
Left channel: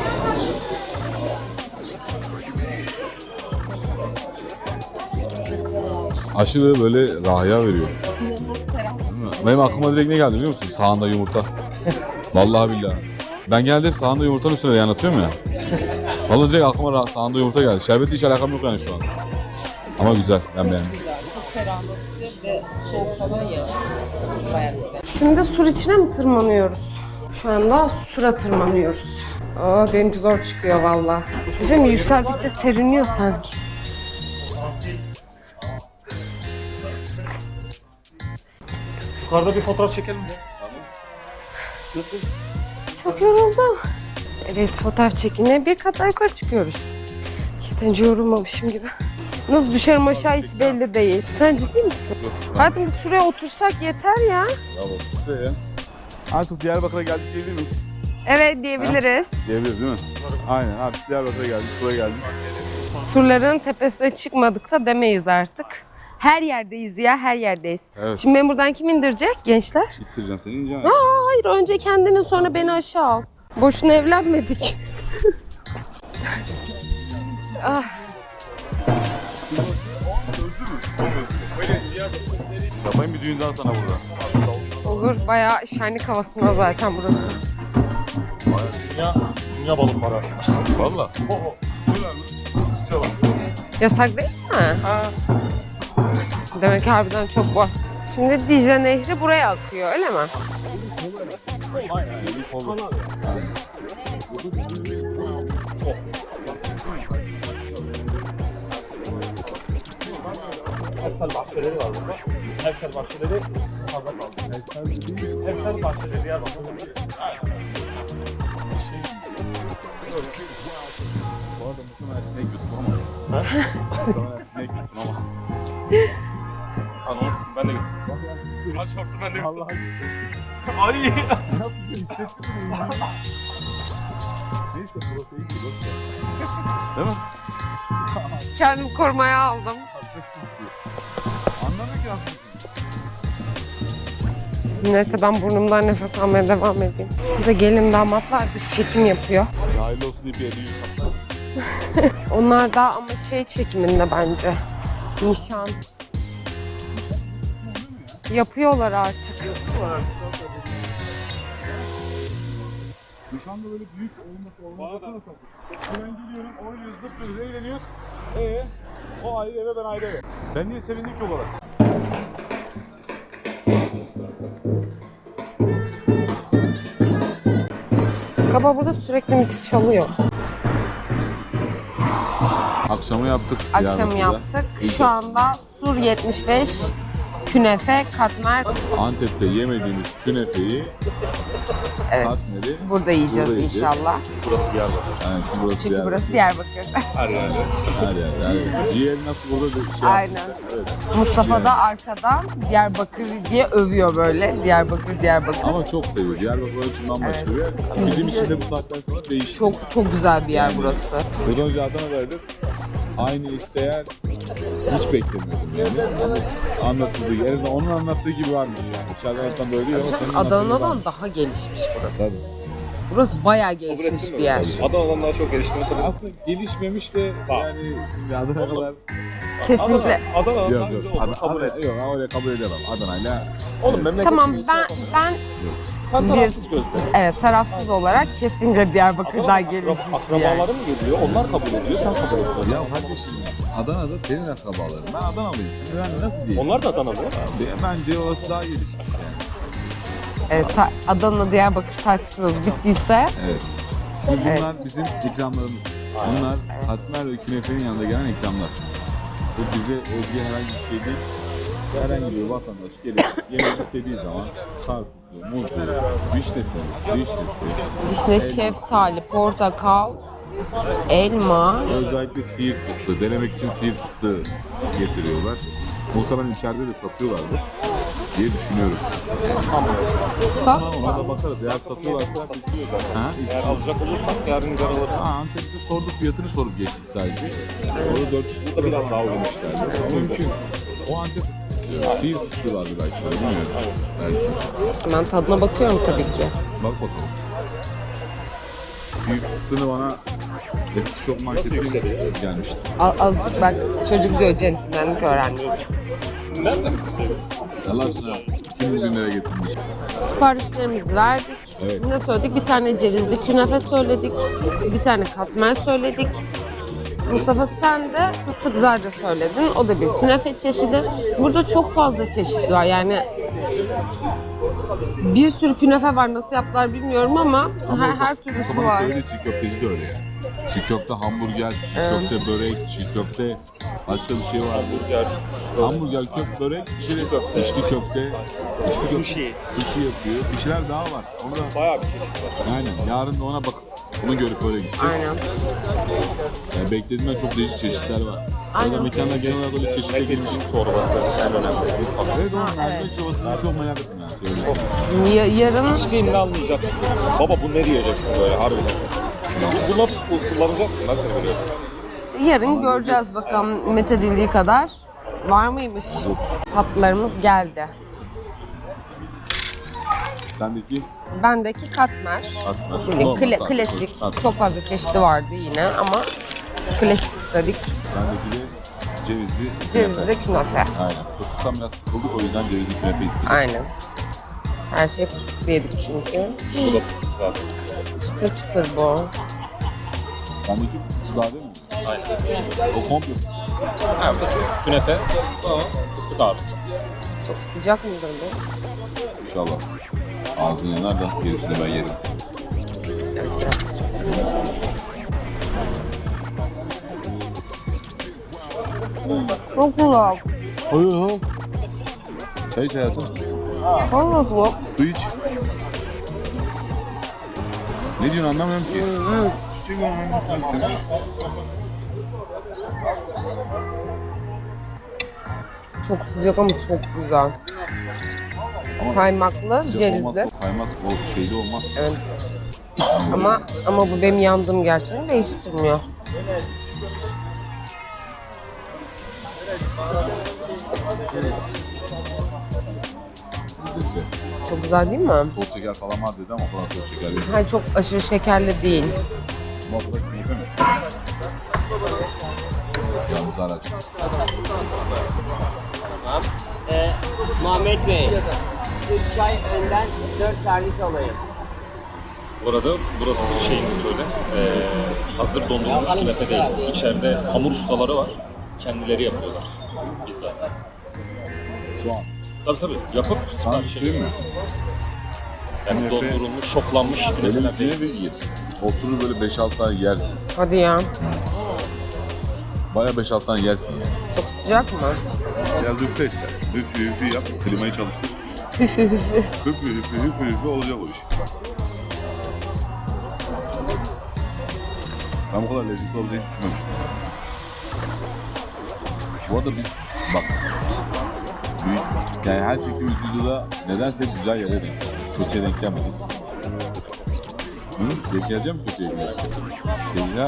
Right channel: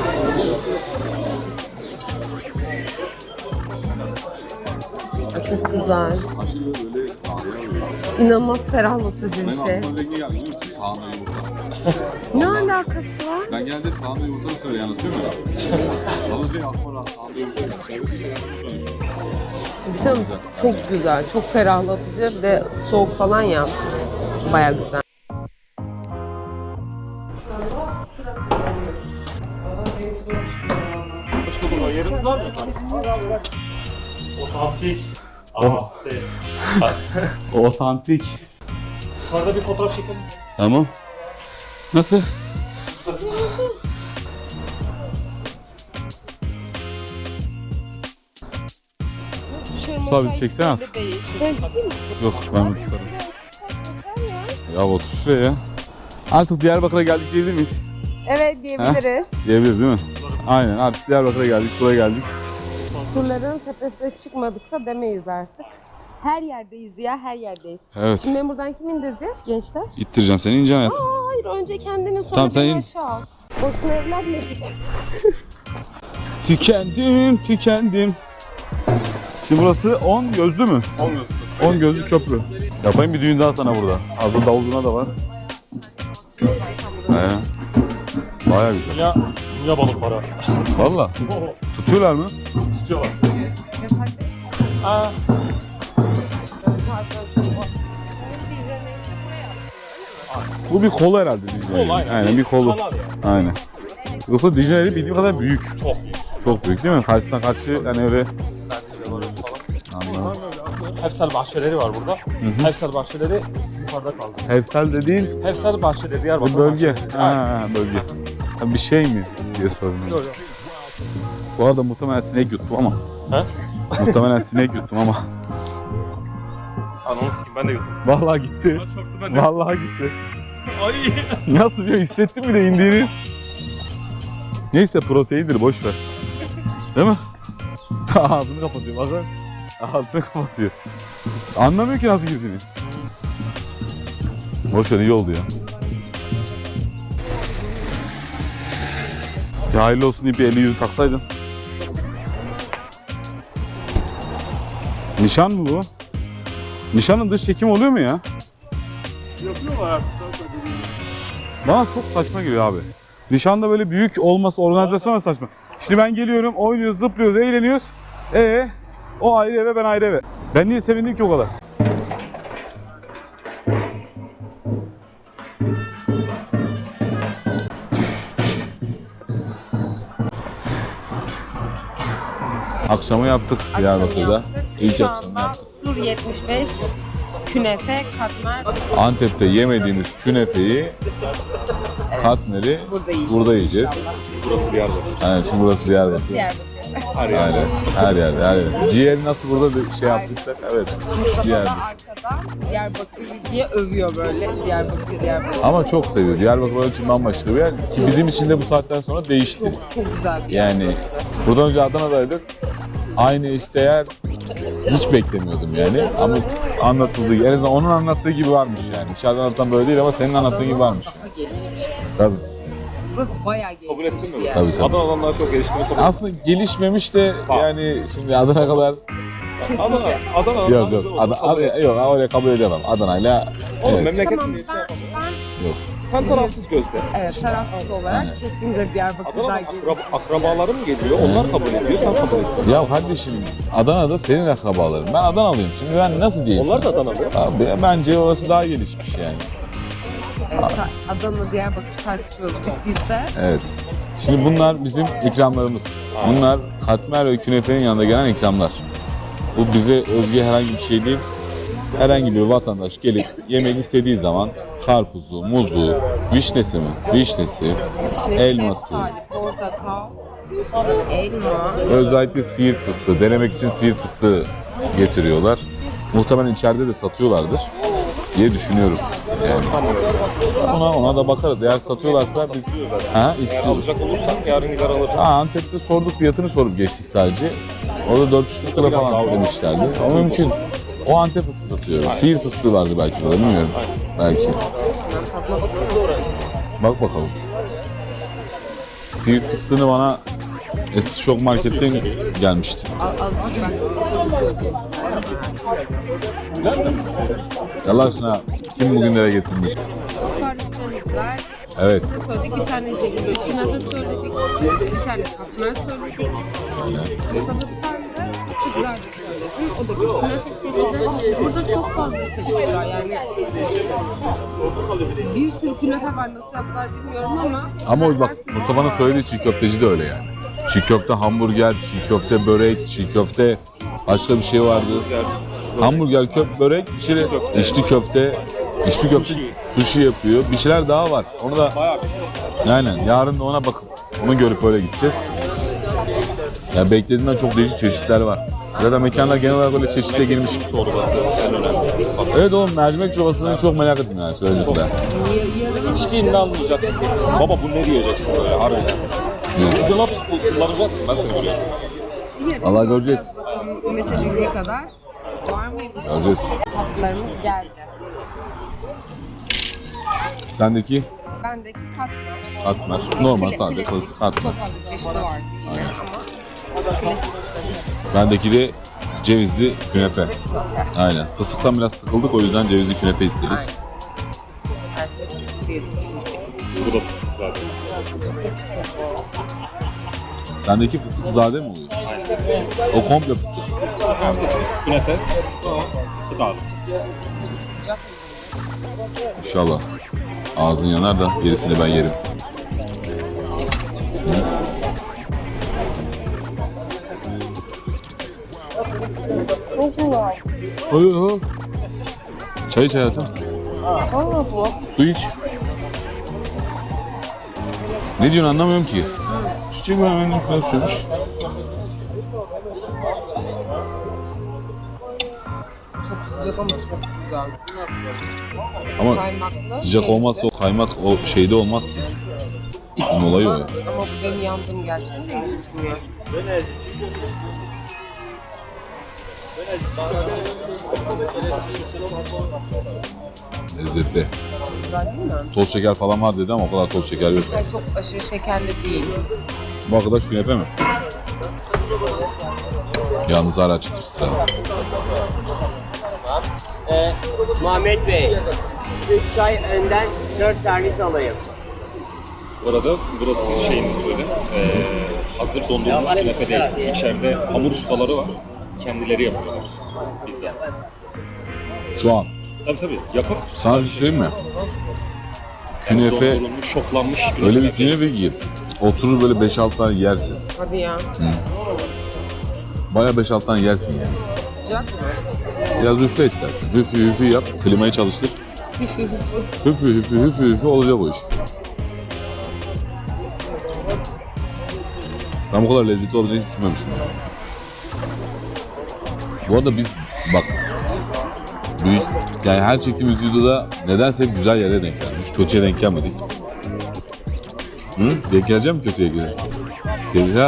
[SPEAKER 1] Çok güzel.
[SPEAKER 2] aşırı böyle rahya veriyor.
[SPEAKER 1] İnanılmaz ferahlatıcı bir
[SPEAKER 2] Benim
[SPEAKER 1] şey.
[SPEAKER 2] aklıma direkt ne geldi biliyor musun? Sağında yumurta.
[SPEAKER 1] Ne
[SPEAKER 2] Vallahi
[SPEAKER 1] alakası
[SPEAKER 2] billahi.
[SPEAKER 1] var?
[SPEAKER 2] Ben genelde hep sağında yumurtanın üstüne anlatıyorum ya. Vallahi direkt aklıma sağında yumurta geldi. Şerbetle hiç alakam yok yani şu an. Ama güzel.
[SPEAKER 1] Çok
[SPEAKER 2] Yani.
[SPEAKER 1] güzel, çok ferahlatıcı. Bir de soğuk falan ya. Baya güzel. Şimdi sur içine mi tırmanıyoruz? Şu anda sura tırmanıyoruz. Aa, benimki zor çıkıyor valla. Bizim yükseldikçe seriniyor sanki.
[SPEAKER 3] Otantik.
[SPEAKER 2] Otantik.
[SPEAKER 3] Yukarıda bir fotoğraf çekelim mi?
[SPEAKER 2] Tamam. Nasıl?
[SPEAKER 1] Çok yoruldum. Evet, fotoğraf çekimine bir kat daha yukarı çıkıyoruz. Yeterince yorulmamışım gibi. Nasıl düşerim
[SPEAKER 2] Tabii,
[SPEAKER 1] aşağı hiç
[SPEAKER 2] çeksene
[SPEAKER 1] belli değil. Sen ciddi misin?
[SPEAKER 2] Yok.
[SPEAKER 1] Zaten şuraya otursak yeter ya.
[SPEAKER 2] Ya otur şuraya. Artık Diyarbakır'a geldik diyebilir miyiz?
[SPEAKER 1] Evet diyebiliriz.
[SPEAKER 2] Diyebiliriz değil mi? Aynen artık Diyarbakır'a geldik, Sur'a geldik.
[SPEAKER 1] Surların tepesine çıkmadık da demeyiz artık. Her yerdeyiz ya, her yerdeyiz.
[SPEAKER 2] Evet.
[SPEAKER 1] Şimdi beni buradan kim indirecek gençler?
[SPEAKER 2] İttireceğim seni ineceğim.
[SPEAKER 1] Hayır, önce kendini sonra
[SPEAKER 2] Tamam,
[SPEAKER 1] beni
[SPEAKER 2] sen in.
[SPEAKER 1] aşağı al. Boşuna evlenmedik.
[SPEAKER 2] Tükendim. Şimdi burası 10 gözlü mü? 10 gözlü köprü. Yapayım bir düğün daha sana burada. Hazır davuluna da var.
[SPEAKER 1] Olur, bayağı şenlik havasında zaten burası.
[SPEAKER 2] Bayağı güzel.
[SPEAKER 3] Dünya balık para.
[SPEAKER 2] Valla. Tutuyorlar mı?
[SPEAKER 3] Tutuyorlar.
[SPEAKER 1] Yasak değil mi? Demek ki harbiden çok var. Şimdi Dicle Nehri buraya akıyor, öyle mi?
[SPEAKER 2] Bu bir kolu herhalde.
[SPEAKER 3] Kol, aynen.
[SPEAKER 2] Bir kolu.
[SPEAKER 3] Kanal
[SPEAKER 2] Aynen. Yoksa Dicle Nehri bildiğim kadar büyük.
[SPEAKER 3] Çok büyük.
[SPEAKER 2] Çok büyük değil mi? Karşısına karşı yani öyle.
[SPEAKER 3] Hersel bahçeleri var burada. Hersel bahçeleri yukarıda kaldı.
[SPEAKER 2] Hevsel dediğin
[SPEAKER 3] Hersel bahçeleri Diyarbakır.
[SPEAKER 2] bu bölge. Bölge. Ha, bir şey mi diye sordum. Bu arada muhtemelen sinek yuttum ama. Muhtemelen sinek yuttum ama.
[SPEAKER 3] Anons ben de götürdüm.
[SPEAKER 2] Vallahi gitti.
[SPEAKER 3] Açmaksın ben de.
[SPEAKER 2] Vallahi gitti.
[SPEAKER 3] Ay.
[SPEAKER 2] Nasıl bir hissettin bile indiğini. Neyse proteindir boş ver. Değil mi? Ağzını
[SPEAKER 1] Kendimi
[SPEAKER 2] kapatıyor.
[SPEAKER 1] korumaya aldım.
[SPEAKER 2] Ağzını kapatıyor. Anlamıyor ki nasıl girdiğini. Boş ver iyi
[SPEAKER 1] Neyse
[SPEAKER 2] oldu.
[SPEAKER 1] ben burnumdan nefes almaya devam edeyim. Bir de gelin damat var, dış çekim yapıyor.
[SPEAKER 2] Ya hayırlı olsun diye bir eli yüzü taksaydın.
[SPEAKER 1] Onlar da ama şey çekiminde bence.
[SPEAKER 2] Nişan mı bu? Nişanın dış çekim oluyor mu ya?
[SPEAKER 1] Yapıyorlar artık.
[SPEAKER 2] Bana çok saçma geliyor abi. Nişanda böyle büyük olması, organizasyon da saçma. Şimdi ben geliyorum, oynuyoruz, zıplıyoruz, eğleniyoruz. O ayrı eve, ben ayrı eve. Ben niye sevindim ki o kadar?
[SPEAKER 1] Baba burada sürekli müzik çalıyor.
[SPEAKER 2] Akşamı yaptık.
[SPEAKER 1] Akşam
[SPEAKER 2] Diyarbakır'da.
[SPEAKER 1] yaptık.
[SPEAKER 2] İlk
[SPEAKER 1] Şu anda Sur 75, künefe, katmer
[SPEAKER 2] Antep'te yemediğimiz künefeyi, katmeri
[SPEAKER 1] burada yiyeceğiz,
[SPEAKER 2] burada yiyeceğiz.
[SPEAKER 1] inşallah.
[SPEAKER 3] Burası Diyarbakır.
[SPEAKER 2] Yani şimdi burası Diyarbakır.
[SPEAKER 1] Burası Diyarbakır.
[SPEAKER 3] Her yerde.
[SPEAKER 2] Her yerde. Ciğer nasıl burada da şey
[SPEAKER 1] Aynen.
[SPEAKER 2] yapmışlar. Evet.
[SPEAKER 1] Mustafa
[SPEAKER 2] Yani.
[SPEAKER 1] da arkada Diyarbakır diye övüyor böyle. Diyarbakır.
[SPEAKER 2] Ama çok seviyor. Diyarbakır için bambaşka bir yer. Ki bizim için de bu saatten sonra değişti.
[SPEAKER 1] Çok güzel bir yer
[SPEAKER 2] Yani
[SPEAKER 1] burası.
[SPEAKER 2] buradan önce Adana'daydık. Aynı eşdeğer hiç beklemiyordum yani. Ama anlatıldığı gibi, en azından onun anlattığı gibi varmış yani. Dışarıdan anlatan böyle değil ama senin anlattığın gibi
[SPEAKER 1] Adana'dan
[SPEAKER 2] varmış.
[SPEAKER 1] daha gelişmiş burası.
[SPEAKER 2] Tabii.
[SPEAKER 1] Burası bayağı gelişmiş bir yer.
[SPEAKER 2] Tabii, tabii.
[SPEAKER 3] Adana'dan daha çok geliştiğini tabii.
[SPEAKER 2] Aslında gelişmemiş de yani şimdi Adana kadar...
[SPEAKER 1] Kesinlikle.
[SPEAKER 3] Adana
[SPEAKER 2] Yok yok. Öyle kabul edemem. Adana'yla...
[SPEAKER 3] Oğlum
[SPEAKER 2] evet.
[SPEAKER 3] memleketin
[SPEAKER 1] Tamam
[SPEAKER 3] iyisi
[SPEAKER 1] ben
[SPEAKER 3] yapamıyor.
[SPEAKER 2] Yok.
[SPEAKER 3] Sen tarafsız gözle.
[SPEAKER 1] evet tarafsız olarak kesinlikle Diyarbakır daha
[SPEAKER 3] Adana'nın
[SPEAKER 1] gelişmiş bir yer.
[SPEAKER 3] akrabalarım geliyor, onlar kabul ediyor, sen kabul etmiyorsun.
[SPEAKER 2] Ya kardeşim Adana'da senin akrabaların. Ben Adanalıyım. Şimdi ben nasıl diyeyim?
[SPEAKER 3] Onlar da Adanalı.
[SPEAKER 2] Abi, bence orası daha gelişmiş yani.
[SPEAKER 1] Evet, Adana, Diyarbakır tartışmamız bittiyse
[SPEAKER 2] Evet. Şimdi bunlar bizim ikramlarımız. Bunlar katmer ve künefenin yanında gelen ikramlar. Bu bize özgü herhangi bir şey değil. Herhangi bir vatandaş gelip yemek istediği zaman karpuzu, muzu, vişnesi,
[SPEAKER 1] işte
[SPEAKER 2] elması.
[SPEAKER 1] şeftali, portakal, elma.
[SPEAKER 2] Özellikle siirt fıstığı. Denemek için siirt fıstığı getiriyorlar. Muhtemelen içeride de satıyorlardır diye düşünüyorum.
[SPEAKER 3] Sanmıyorum ya.
[SPEAKER 2] Ama ona da bakarız. Eğer satıyorlarsa biz...
[SPEAKER 3] Satılıyor zaten.
[SPEAKER 2] Ha,
[SPEAKER 3] Eğer
[SPEAKER 2] istiyoruz.
[SPEAKER 3] alacak olursan yarın gider alırız.
[SPEAKER 2] Antep'te sorduk, fiyatını sorup geçtik sadece. O da 400 lira
[SPEAKER 3] Biraz
[SPEAKER 2] falan
[SPEAKER 3] daha
[SPEAKER 2] öyle
[SPEAKER 3] uygun.
[SPEAKER 2] işlerdi. Ama mümkün. O Antep fıstığı satıyor. Siirt fıstığı vardı belki orada, bilmiyorum. Belki.
[SPEAKER 1] Ben tadına bakıyorum tabii ki.
[SPEAKER 2] Bak bakalım. Siirt fıstığını bana eski şok marketten gelmişti.
[SPEAKER 1] Azıcık ben çocuk diyor, centilmenlik öğrendim.
[SPEAKER 3] Nereden?
[SPEAKER 2] Allah aşkına kim bugünlere getirmiş?
[SPEAKER 1] Siparişlerimizi verdik.
[SPEAKER 2] Evet.
[SPEAKER 1] Ne söyledik? Bir tane cevizli künefe söyledik. Bir tane katmer söyledik. Mustafa sen de fıstık zade söyledin. O da bir künefe çeşidi. Burada çok fazla çeşit var. Yani bir sürü künefe var. Nasıl yaptılar bilmiyorum ama
[SPEAKER 2] Ama bak
[SPEAKER 1] her türlüsü
[SPEAKER 2] Mustafa'nın
[SPEAKER 1] var.
[SPEAKER 2] söylediği çiğ köfteci de öyle yani. Çiğ köfte, hamburger, çiğ köfte, börek, çiğ köfte, başka bir şey vardı. Hamburger, köfte, börek, içli köfte, içli köfte, sushi yapıyor. Bir şeyler daha var. Onu da
[SPEAKER 3] Bayağı bir şey.
[SPEAKER 2] aynen yarın da ona bakıp onu görüp öyle gideceğiz. Yani beklediğimden çok değişik çeşitler var. Zaten mekanlar genel olarak öyle çeşitliğe girmiş.
[SPEAKER 3] Çorbası en önemli.
[SPEAKER 2] Evet oğlum, mercimek çorbasını çok merak ettim yani söyledikler.
[SPEAKER 1] Yarın
[SPEAKER 3] İçtiğinde anlayacaksın. Baba bu ne diyeceksin böyle harbiden.
[SPEAKER 2] Ne?
[SPEAKER 3] Bu lafı kullanacaksın, ben seni biliyorum.
[SPEAKER 1] yarın
[SPEAKER 2] Vallahi
[SPEAKER 1] göreceğiz
[SPEAKER 2] göreceğiz.
[SPEAKER 1] bakalım methedildiği kadar. Var mıymış?
[SPEAKER 2] Göreceğiz.
[SPEAKER 1] Tatlılarımız geldi.
[SPEAKER 2] Sendeki
[SPEAKER 1] Bendeki katmer.
[SPEAKER 2] katmer.
[SPEAKER 1] Böyle
[SPEAKER 2] Normal
[SPEAKER 1] klasik.
[SPEAKER 2] katmer.
[SPEAKER 1] Çok fazla çeşidi vardı yine ama biz klasik istedik.
[SPEAKER 2] Bendeki de cevizli künefe.
[SPEAKER 1] Cevizli künefe.
[SPEAKER 2] Aynen. Fıstıktan biraz sıkıldık, o yüzden cevizli künefe istedik.
[SPEAKER 1] Aynen. Her şey fıstıklı yedik çünkü.
[SPEAKER 3] Bu da fıstık zaten.
[SPEAKER 1] Çıtır çıtır bu.
[SPEAKER 2] Sendeki fıstıkzade mi oluyor?
[SPEAKER 3] Aynen.
[SPEAKER 2] O komple fıstık.
[SPEAKER 3] Ha, fıstık, künefe ama fıstık abi.
[SPEAKER 1] Çok sıcak mı böyle?
[SPEAKER 2] İnşallah. Ağzın yanar da gerisini ben yerim.
[SPEAKER 1] Çok güzel.
[SPEAKER 2] Hayır. Çay iç hayatım.
[SPEAKER 1] Çok nasıl?
[SPEAKER 2] Su iç. Ne diyorsun anlamıyorum ki. Çiçek var benden falan söylemiş.
[SPEAKER 1] Çok sıcak ama çok güzel.
[SPEAKER 2] Ama
[SPEAKER 1] Kaymaklı,
[SPEAKER 2] sıcak
[SPEAKER 1] cevizli.
[SPEAKER 2] olmazsa o kaymak o şeyde olmaz ki.
[SPEAKER 1] Evet.
[SPEAKER 2] Bunun olayı
[SPEAKER 1] Ama,
[SPEAKER 2] öyle.
[SPEAKER 1] ama bu benim yandığım gerçeğini değiştirmiyor.
[SPEAKER 2] Lezzetli.
[SPEAKER 1] Çok güzel değil mi?
[SPEAKER 2] Toz şeker falan var dedi ama o kadar toz şeker yok.
[SPEAKER 1] Hayır, çok aşırı şekerli değil.
[SPEAKER 2] Bu arkadaş künefe mi? Yalnız hala çıtır çıtır.
[SPEAKER 5] Muhammed Bey, çay önden 4 servis alayım.
[SPEAKER 3] Bu arada burası şeyini de söyle. Hazır dondurulmuş künefe değil. İçeride hamur ustaları var. Kendileri yapıyorlar. Bizzat.
[SPEAKER 2] Şu an.
[SPEAKER 3] Tabii yapıp
[SPEAKER 2] Sana bir şey söyleyeyim mi?
[SPEAKER 3] yani
[SPEAKER 2] Künefe-
[SPEAKER 3] dondurulmuş, şoklanmış künefe.
[SPEAKER 2] Öyle bir künefe ki oturur böyle 5-6 tane yersin.
[SPEAKER 1] Hadi ya.
[SPEAKER 2] Baya 5-6 tane yersin yani.
[SPEAKER 1] Çok sıcak mı?
[SPEAKER 2] Biraz üfle ister. Hüfü hüfü yap. Klimayı çalıştır. Hüfü hüfü olacak o iş. Ben bu kadar lezzetli olacağını hiç düşünmemiştim. Bu arada biz bak yani her çektiğimiz videoda nedense hep güzel yere denk geldik. Hiç kötüye denk gelmedik. Hı? Denk geleceğim mi kötüye göre? Ha.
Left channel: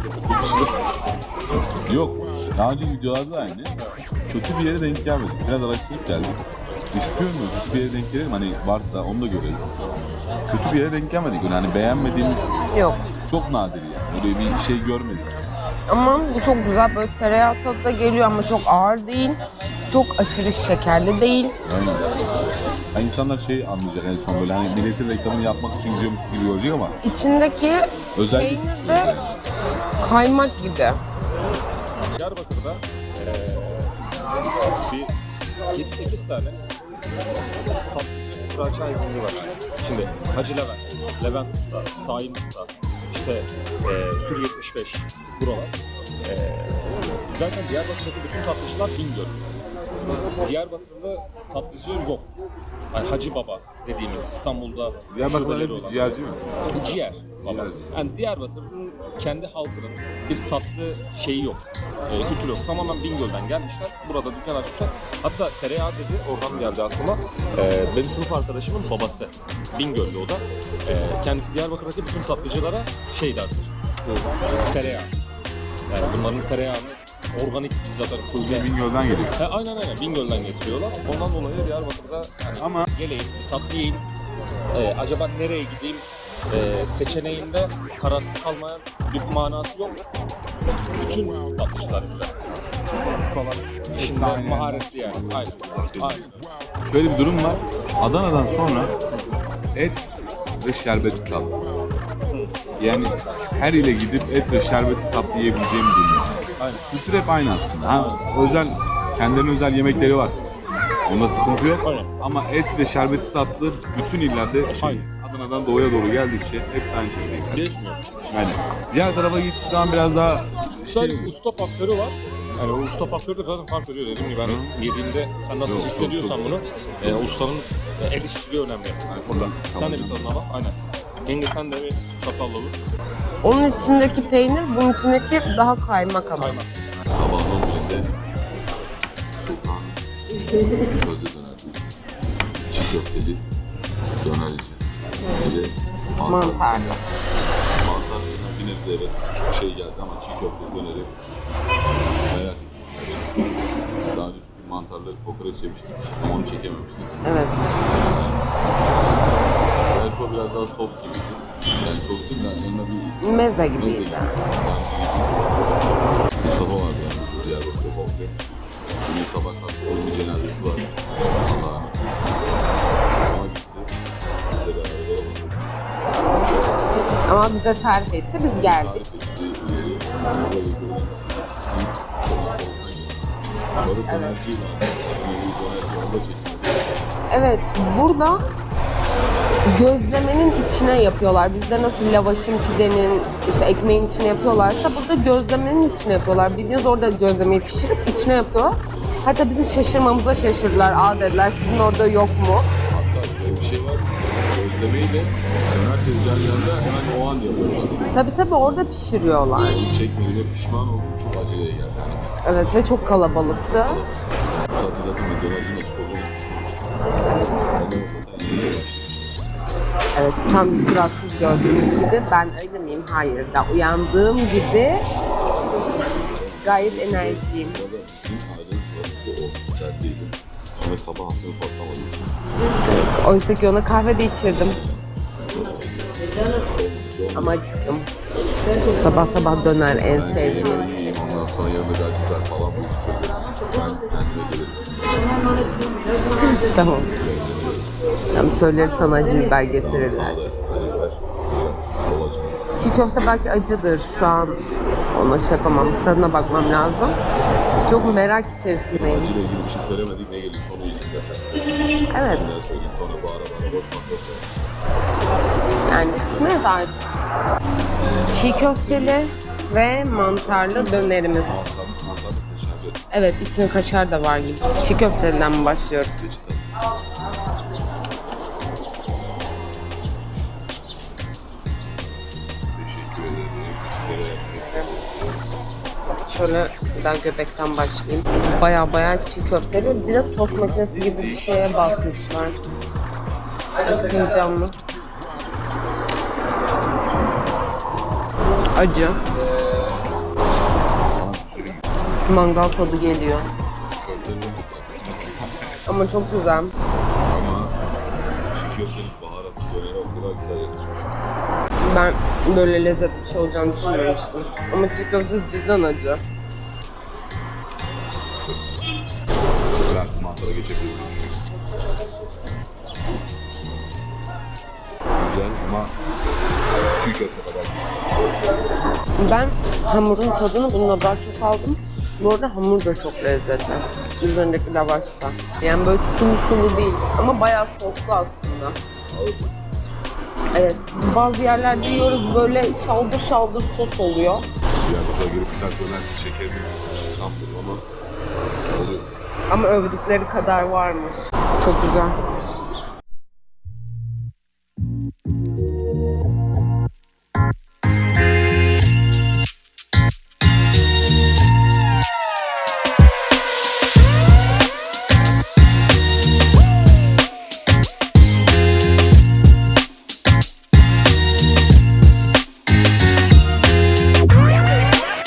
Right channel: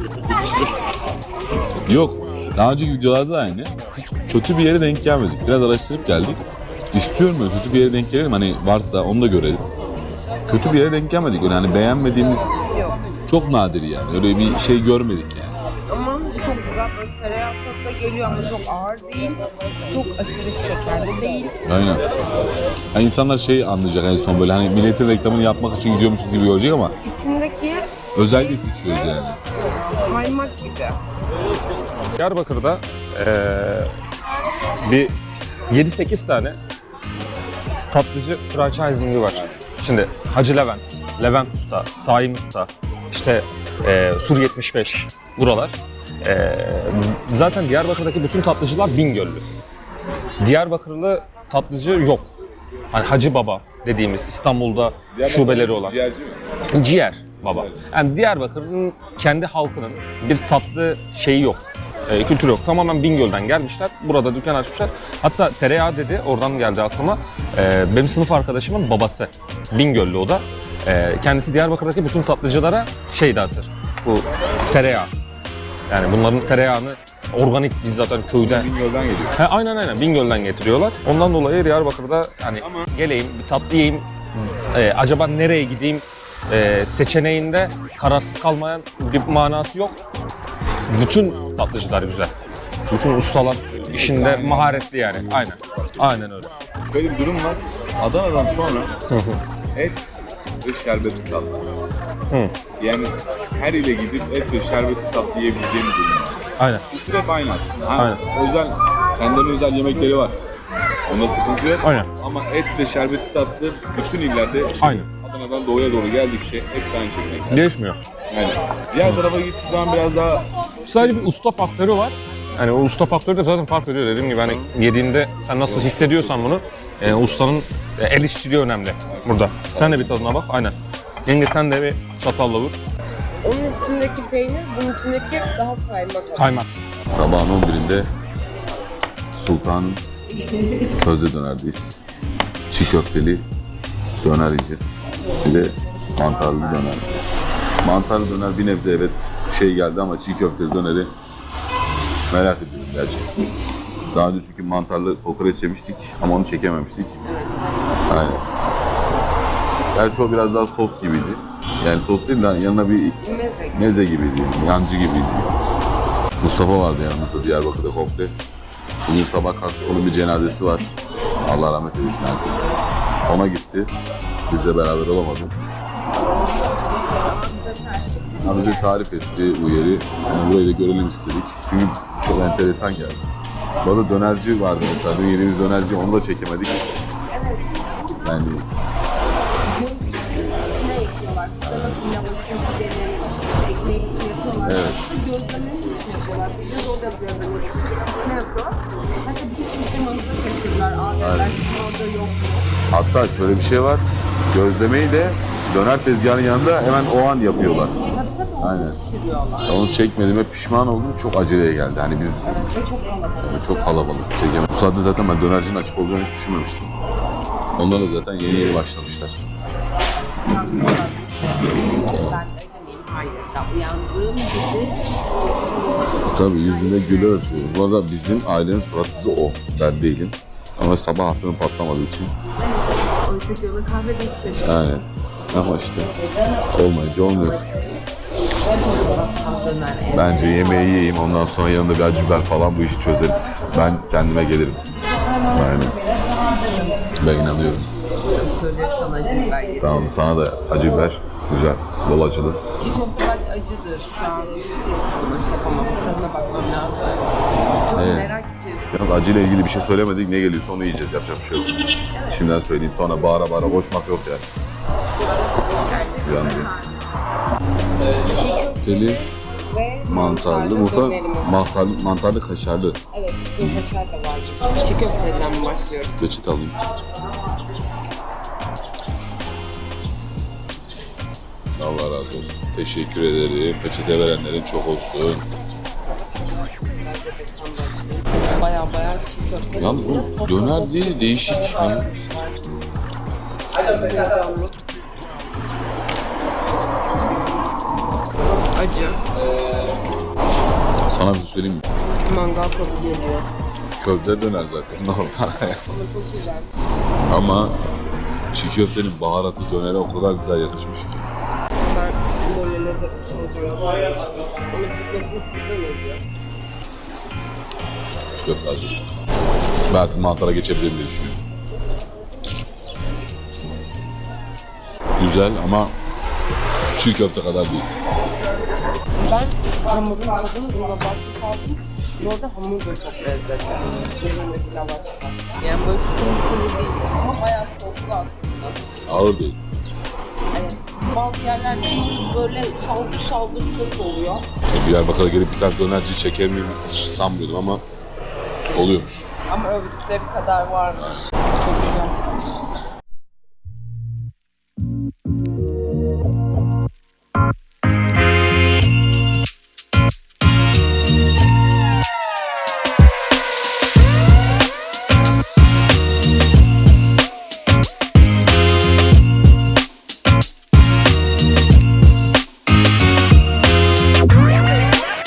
[SPEAKER 2] Yok. Daha önceki videolarda da aynı. Kötü bir yere denk gelmedik. Biraz araştırıp geldik. İstiyorum ya kötü bir yere denk gelelim. Hani varsa onu da görelim. Kötü bir yere denk gelmedik. Öyle hani beğenmediğimiz
[SPEAKER 1] Yok.
[SPEAKER 2] çok nadir yani. Öyle bir şey görmedik yani.
[SPEAKER 1] Ama bu çok güzel, böyle tereyağı tadı da geliyor ama çok ağır değil. Çok aşırı şekerli değil.
[SPEAKER 2] Aynen. Yani insanlar şey anlayacak en son böyle hani milletin reklamını yapmak için gidiyormuşuz gibi görecek ama
[SPEAKER 1] İçindeki
[SPEAKER 2] özellikle seçiyoruz yani.
[SPEAKER 1] kaymak gibi.
[SPEAKER 6] Diyarbakır'da bir 7-8 tane tatlıcı franchise'imiz var. Şimdi Hacı Levent, Levent Usta, Saim Usta, işte Sur 75 buralar. Zaten Diyarbakır'daki bütün tatlıcılar Bingöllü. Diyarbakırlı tatlıcı yok. Hani Hacı Baba dediğimiz İstanbul'da şubeleri olan. Ciğer baba. Yani Diyarbakır'ın kendi halkının bir tatlı şeyi yok. Kültürü yok. Tamamen Bingöl'den gelmişler. Burada dükkan açmışlar. Hatta tereyağı dedi, oradan geldi aklıma. Benim sınıf arkadaşımın babası. Bingöllü o da. Kendisi Diyarbakır'daki bütün tatlıcılara şey dağıtır. Bu tereyağı. Yani bunların tereyağını organik biz zaten köyden.
[SPEAKER 2] Bingöl'den geliyor.
[SPEAKER 6] He, aynen Bingöl'den getiriyorlar. Ondan dolayı Diyarbakır'da hani geleyim, bir tatlı yiyeyim, acaba nereye gideyim seçeneğinde kararsız kalmayan bir manası yok. Bütün tatlıcılar güzel. Bütün ustalar işinde maharetli yani. Aynen öyle.
[SPEAKER 2] Şöyle bir durum var. Adana'dan sonra et ve şerbetli tatlı. Yani her ile gidip et ve şerbetli tatlı yiyebileceğimiz ürünler.
[SPEAKER 6] Aynen.
[SPEAKER 2] İkisi hep aynı aslında. Ha,
[SPEAKER 6] Aynen.
[SPEAKER 2] özel, kendilerinin özel yemekleri var. Onda sıkıntı yok.
[SPEAKER 6] Aynen.
[SPEAKER 2] Ama et ve şerbetli tatlı bütün illerde
[SPEAKER 6] Aynen.
[SPEAKER 2] Adana'dan doğuya doğru geldikçe hepsi aynı şekilde.
[SPEAKER 6] Değişmiyor.
[SPEAKER 2] Aynen. Diğer tarafa gittiği zaman biraz daha
[SPEAKER 6] Sadece bir usta faktörü var. Hani o usta faktörü de zaten fark ediyor dediğim gibi. Hani yediğinde sen nasıl hissediyorsan bunu, ustanın el işçiliği önemli burada. Sen de bir tadına bak. Aynen. Yenge sen de bir çatalla vur.
[SPEAKER 1] Onun içindeki peynir, bunun içindeki daha kaymak ama.
[SPEAKER 6] Kaymak.
[SPEAKER 2] sabahın birinde Sultan Közde dönerdeyiz. Çiğ köfteli döner yiyeceğiz. Bir de mantarlı döner yiyeceğiz. Mantarlı döner bir nebze evet şey geldi ama çiğ köfteli döneri merak ediyorum gerçekten. Daha önce çünkü mantarlı kokoreç yemiştik ama onu çekememiştik.
[SPEAKER 1] Evet.
[SPEAKER 2] Aynen. Gerçi o biraz daha sos gibiydi. Yani sos değil de yanına bir
[SPEAKER 1] Meze gibi.
[SPEAKER 2] meze gibiydi, yancı gibiydi. Mustafa vardı yanımızda Diyarbakır'da komple. Bugün sabah kalktık, onun bir cenazesi var. Allah rahmet eylesin. Ona gitti. Bizle beraber olamadık.
[SPEAKER 1] Ama bize tarif etti, biz
[SPEAKER 2] Bize
[SPEAKER 1] geldik.
[SPEAKER 2] tarif etti bu yeri. Burayı da görelim istedik. Çünkü çok enteresan geldi. Bu arada dönerci vardı mesela. Bu yeni bir dönerci, onu da çekemedik.
[SPEAKER 1] Evet, burada gözlemenin içine yapıyorlar. Bizde nasıl lavaşın, pidenin, işte ekmeğin içine yapıyorlarsa burada gözlemenin içine yapıyorlar. Bildiğiniz orada gözlemeyi pişirip içine yapıyorlar. Hatta bizim şaşırmamıza şaşırdılar. Aa dediler, sizin orada yok mu?
[SPEAKER 2] Hatta şöyle bir şey var. Gözlemeyi de döner tezgahının yanında hemen o an yapıyorlar.
[SPEAKER 1] Tabii orada
[SPEAKER 2] Aynen.
[SPEAKER 1] pişiriyorlar.
[SPEAKER 2] Onu çekmediğime pişman oldum. Çok aceleye geldi. Hani biz
[SPEAKER 1] Evet ve çok kalabalıktı.
[SPEAKER 2] çok kalabalık. Bu saatte zaten ben dönercinin açık olacağını hiç düşünmemiştim. Onlar da zaten yeni başlamışlar.
[SPEAKER 1] Evet, tam bir suratsız gördüğünüz gibi. Ben öyle miyim? Hayır. Da uyandığım gibi
[SPEAKER 2] Tabii
[SPEAKER 1] Gayet
[SPEAKER 2] yüzüne güler
[SPEAKER 1] enerjiyim.
[SPEAKER 2] atıyor. Bu arada bizim ailenin suratsızı o. Ben değilim. Ama sabah aklım patlamadığı için.
[SPEAKER 1] oysa ki ona kahve de içirdim.
[SPEAKER 2] Yani ama işte olmayınca olmuyor.
[SPEAKER 1] Ama acıktım. Sabah döner en
[SPEAKER 2] Bence
[SPEAKER 1] sevdiğim.
[SPEAKER 2] yemeği yiyeyim ondan sonra yanında bir acı biber falan bu işi çözeriz. Ben kendime gelirim. Yani
[SPEAKER 1] Tamam.
[SPEAKER 2] ben inanıyorum.
[SPEAKER 1] Tamam, söyleriz sana acı biber getiririm.
[SPEAKER 2] Tamam sana da acı biber. Güzel. Bol acılı.
[SPEAKER 1] Çiğ köfte belki acıdır. Şu an ona şey yapamam. Tadına bakmam lazım. Çok
[SPEAKER 2] Aynen.
[SPEAKER 1] merak içerisindeyim.
[SPEAKER 2] Acıyla ilgili bir şey söylemedik. Ne geliyorsa onu yiyeceğiz. Yapacak bir şey yok.
[SPEAKER 1] Evet.
[SPEAKER 2] Şimdiden söyleyeyim. Sonra bağıra koşmak yok yani.
[SPEAKER 1] Yani kısmet artık. Çiğ köfteli ve mantarlı dönerimiz.
[SPEAKER 2] Mantarlı kaşarlı.
[SPEAKER 1] Evet, içinde kaşar da var gibi. Çiğ köfteliden mi başlıyoruz?
[SPEAKER 2] Reçete alayım. Allah razı olsun. Teşekkür ederim. Peçete verenlerin çok olsun.
[SPEAKER 1] Şöyle bir daha göbekten başlayayım. Baya çiğ köfteli.
[SPEAKER 2] Lan
[SPEAKER 1] Bir de tost
[SPEAKER 2] döner
[SPEAKER 1] makinesi
[SPEAKER 2] değil,
[SPEAKER 1] gibi bir
[SPEAKER 2] değişik
[SPEAKER 1] şeye
[SPEAKER 2] ya.
[SPEAKER 1] basmışlar. Çok heyecanlı. Acı.
[SPEAKER 2] Sana bir şey söyleyeyim mi?
[SPEAKER 1] Mangal tadı geliyor.
[SPEAKER 2] Köfte döner zaten. Normal.
[SPEAKER 1] Ama çok güzel.
[SPEAKER 2] Ama çiğ köftenin baharatlı dönere o kadar güzel yakışmış.
[SPEAKER 1] Ben böyle lezzetli bir şey olacağını düşünmemiştim. Ama çiğ köfte cidden acı.
[SPEAKER 2] Şu köfte acı. Ben artık mantara geçebilirim diye düşünüyorum. Güzel ama çiğ köfte kadar değil.
[SPEAKER 1] Ben hamurun tadını bununla daha çok aldım. Bu arada hamur da çok lezzetli. Üzerindeki lavaş da. Yani böyle sulu değil ama bayağı soslu aslında.
[SPEAKER 2] Ağır değil.
[SPEAKER 1] Evet, bazı yerlerde yiyoruz böyle şaldır sos oluyor.
[SPEAKER 2] Diyarbakır'a gelip bir tane dönerci çeker miyim hiç sanmıyordum ama oluyormuş.
[SPEAKER 1] Ama övdükleri kadar varmış. Çok güzel.